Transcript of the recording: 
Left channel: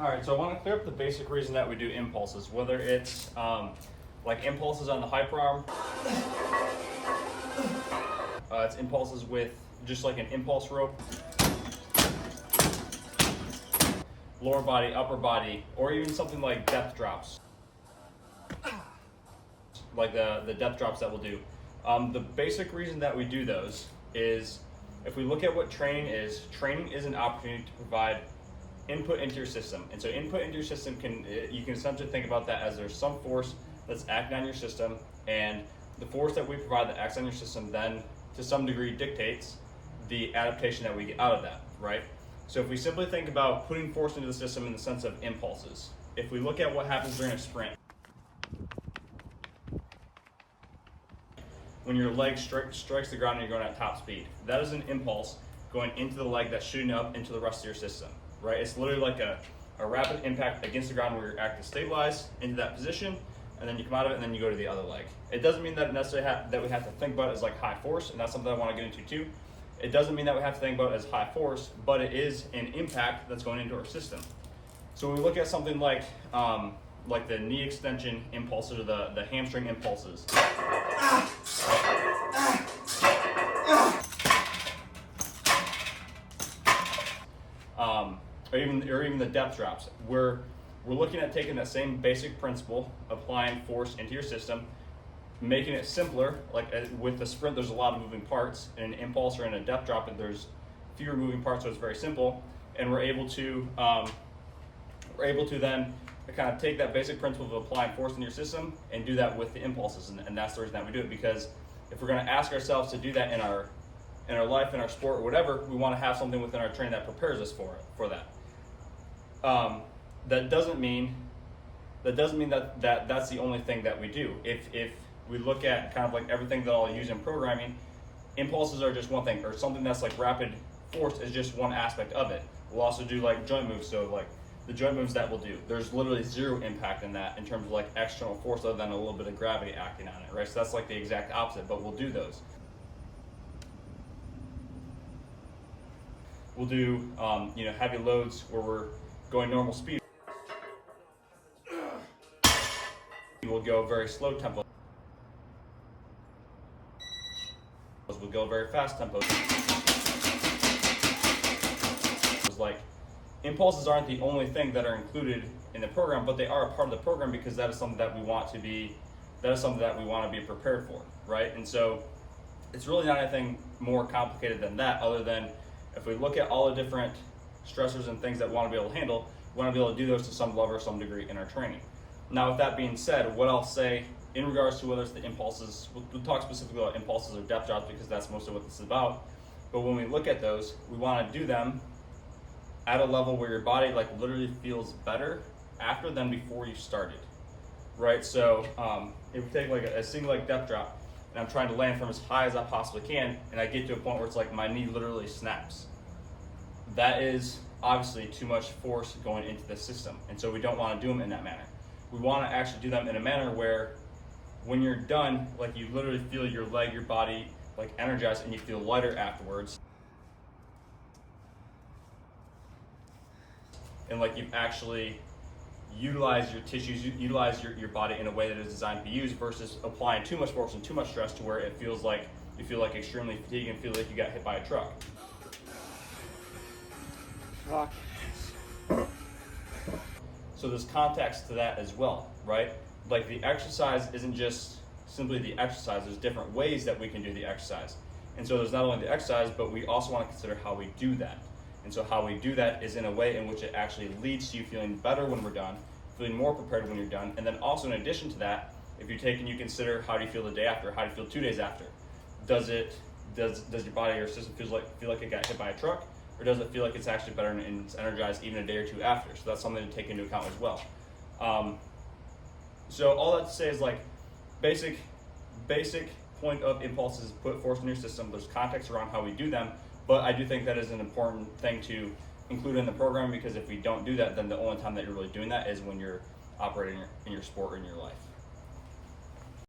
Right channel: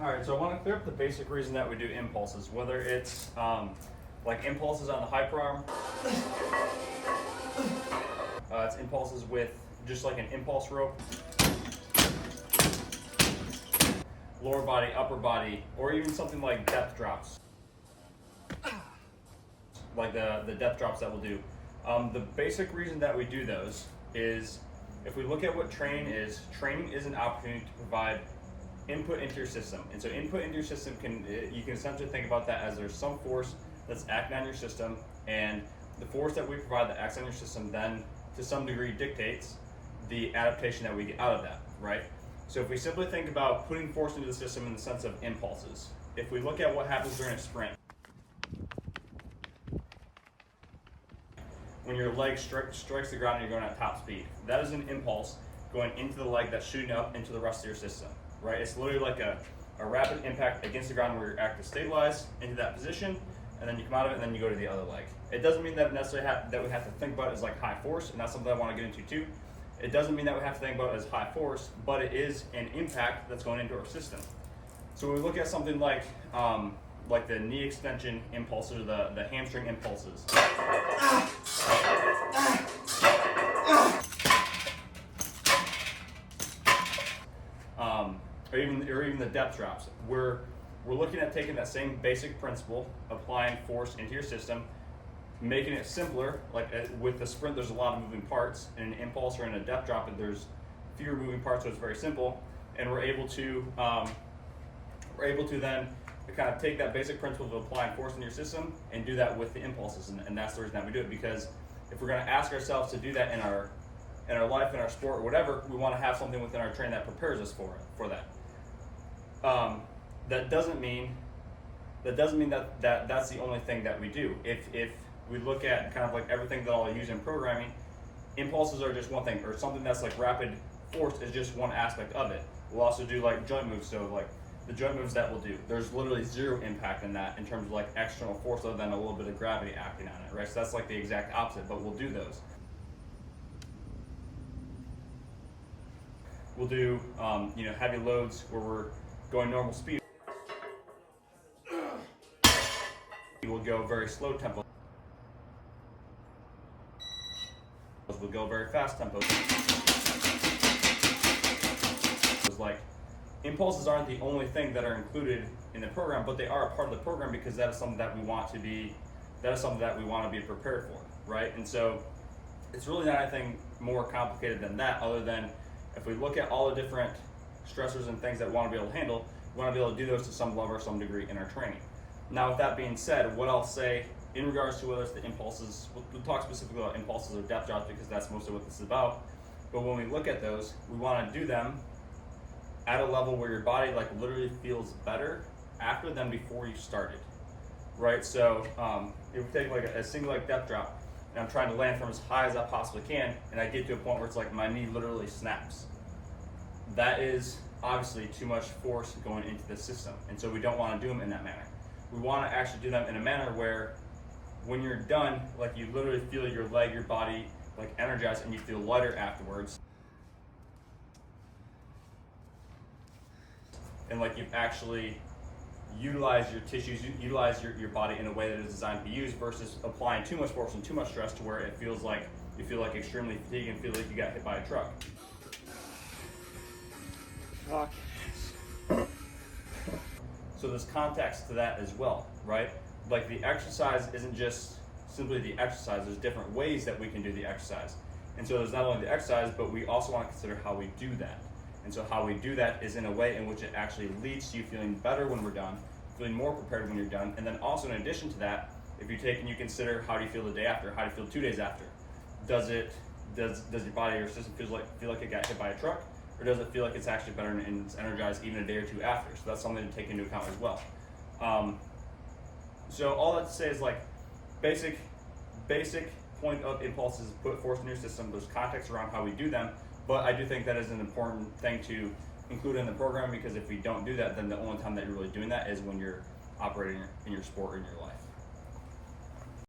All right, so I want to clear up the basic reason that we do impulses, whether it's like impulses on the hyper arm, it's impulses with just like an impulse rope, lower body, upper body, or even something like depth drops, like the depth drops that we'll do. The basic reason that we do those is if we look at what training is an opportunity to provide input into your system. And so input into your system you can essentially think about that as there's some force that's acting on your system, and the force that we provide that acts on your system then to some degree dictates the adaptation that we get out of that, right? So if we simply think about putting force into the system in the sense of impulses, if we look at what happens during a sprint, when your leg strikes the ground and you're going at top speed, that is an impulse going into the leg that's shooting up into the rest of your system, right? It's literally like a rapid impact against the ground where you're acting stabilized into that position, and then you come out of it and then you go to the other leg. It doesn't mean that necessarily that we have to think about it as like high force, and that's something I want to get into too. It doesn't mean that we have to think about it as high force, but it is an impact that's going into our system. So when we look at something like the knee extension impulses or the hamstring impulses, or even the depth drops, we're looking at taking that same basic principle, applying force into your system, making it simpler. Like with the sprint, there's a lot of moving parts. In an impulse or in a depth drop, there's fewer moving parts, so it's very simple. And we're able to then kind of take that basic principle of applying force in your system and do that with the impulses. And that's the reason that we do it, because if we're going to ask ourselves to do that in our life, in our sport, or whatever, we want to have something within our training that prepares us for that. That doesn't mean that that's the only thing that we do. If we look at kind of like everything that I'll use in programming, impulses are just one thing, or something that's like rapid force is just one aspect of it. We'll also do like joint moves, so like the joint moves that we'll do, there's literally zero impact in that in terms of like external force other than a little bit of gravity acting on it, right? So that's like the exact opposite, but we'll do those. We'll do heavy loads where we're going normal speed. We'll go very slow tempo. We'll go very fast tempos. Like impulses aren't the only thing that are included in the program, but they are a part of the program because that is something that we want to be prepared for, right? And so it's really not anything more complicated than that, other than if we look at all the different stressors and things that we want to be able to handle, we want to be able to do those to some level or some degree in our training. Now, with that being said, what I'll say in regards to whether it's the impulses, we'll talk specifically about impulses or depth drops because that's mostly what this is about. But when we look at those, we want to do them at a level where your body like literally feels better after than before you started, right? So if we take like a single like depth drop, and I'm trying to land from as high as I possibly can, and I get to a point where it's like my knee literally snaps. That is obviously too much force going into the system, and so we don't want to do them in that manner. We want to actually do them in a manner where when you're done, like you literally feel your leg, your body like energized, and you feel lighter afterwards. And like you've actually utilized your tissues, utilize your body in a way that is designed to be used, versus applying too much force and too much stress to where it feels like you feel like extremely fatigued and feel like you got hit by a truck. So there's context to that as well, right? Like the exercise isn't just simply the exercise, there's different ways that we can do the exercise. And so there's not only the exercise, but we also want to consider how we do that. And so how we do that is in a way in which it actually leads to you feeling better when we're done, feeling more prepared when you're done. And then also in addition to that, if you take and you consider how do you feel the day after, how do you feel 2 days after? Does your body or system feel like it got hit by a truck? Or does it feel like it's actually better and it's energized even a day or two after? So that's something to take into account as well. So all that to say is like basic point of impulses, put force in your system. There's context around how we do them, but I do think that is an important thing to include in the program, because if we don't do that, then the only time that you're really doing that is when you're operating in your sport or in your life.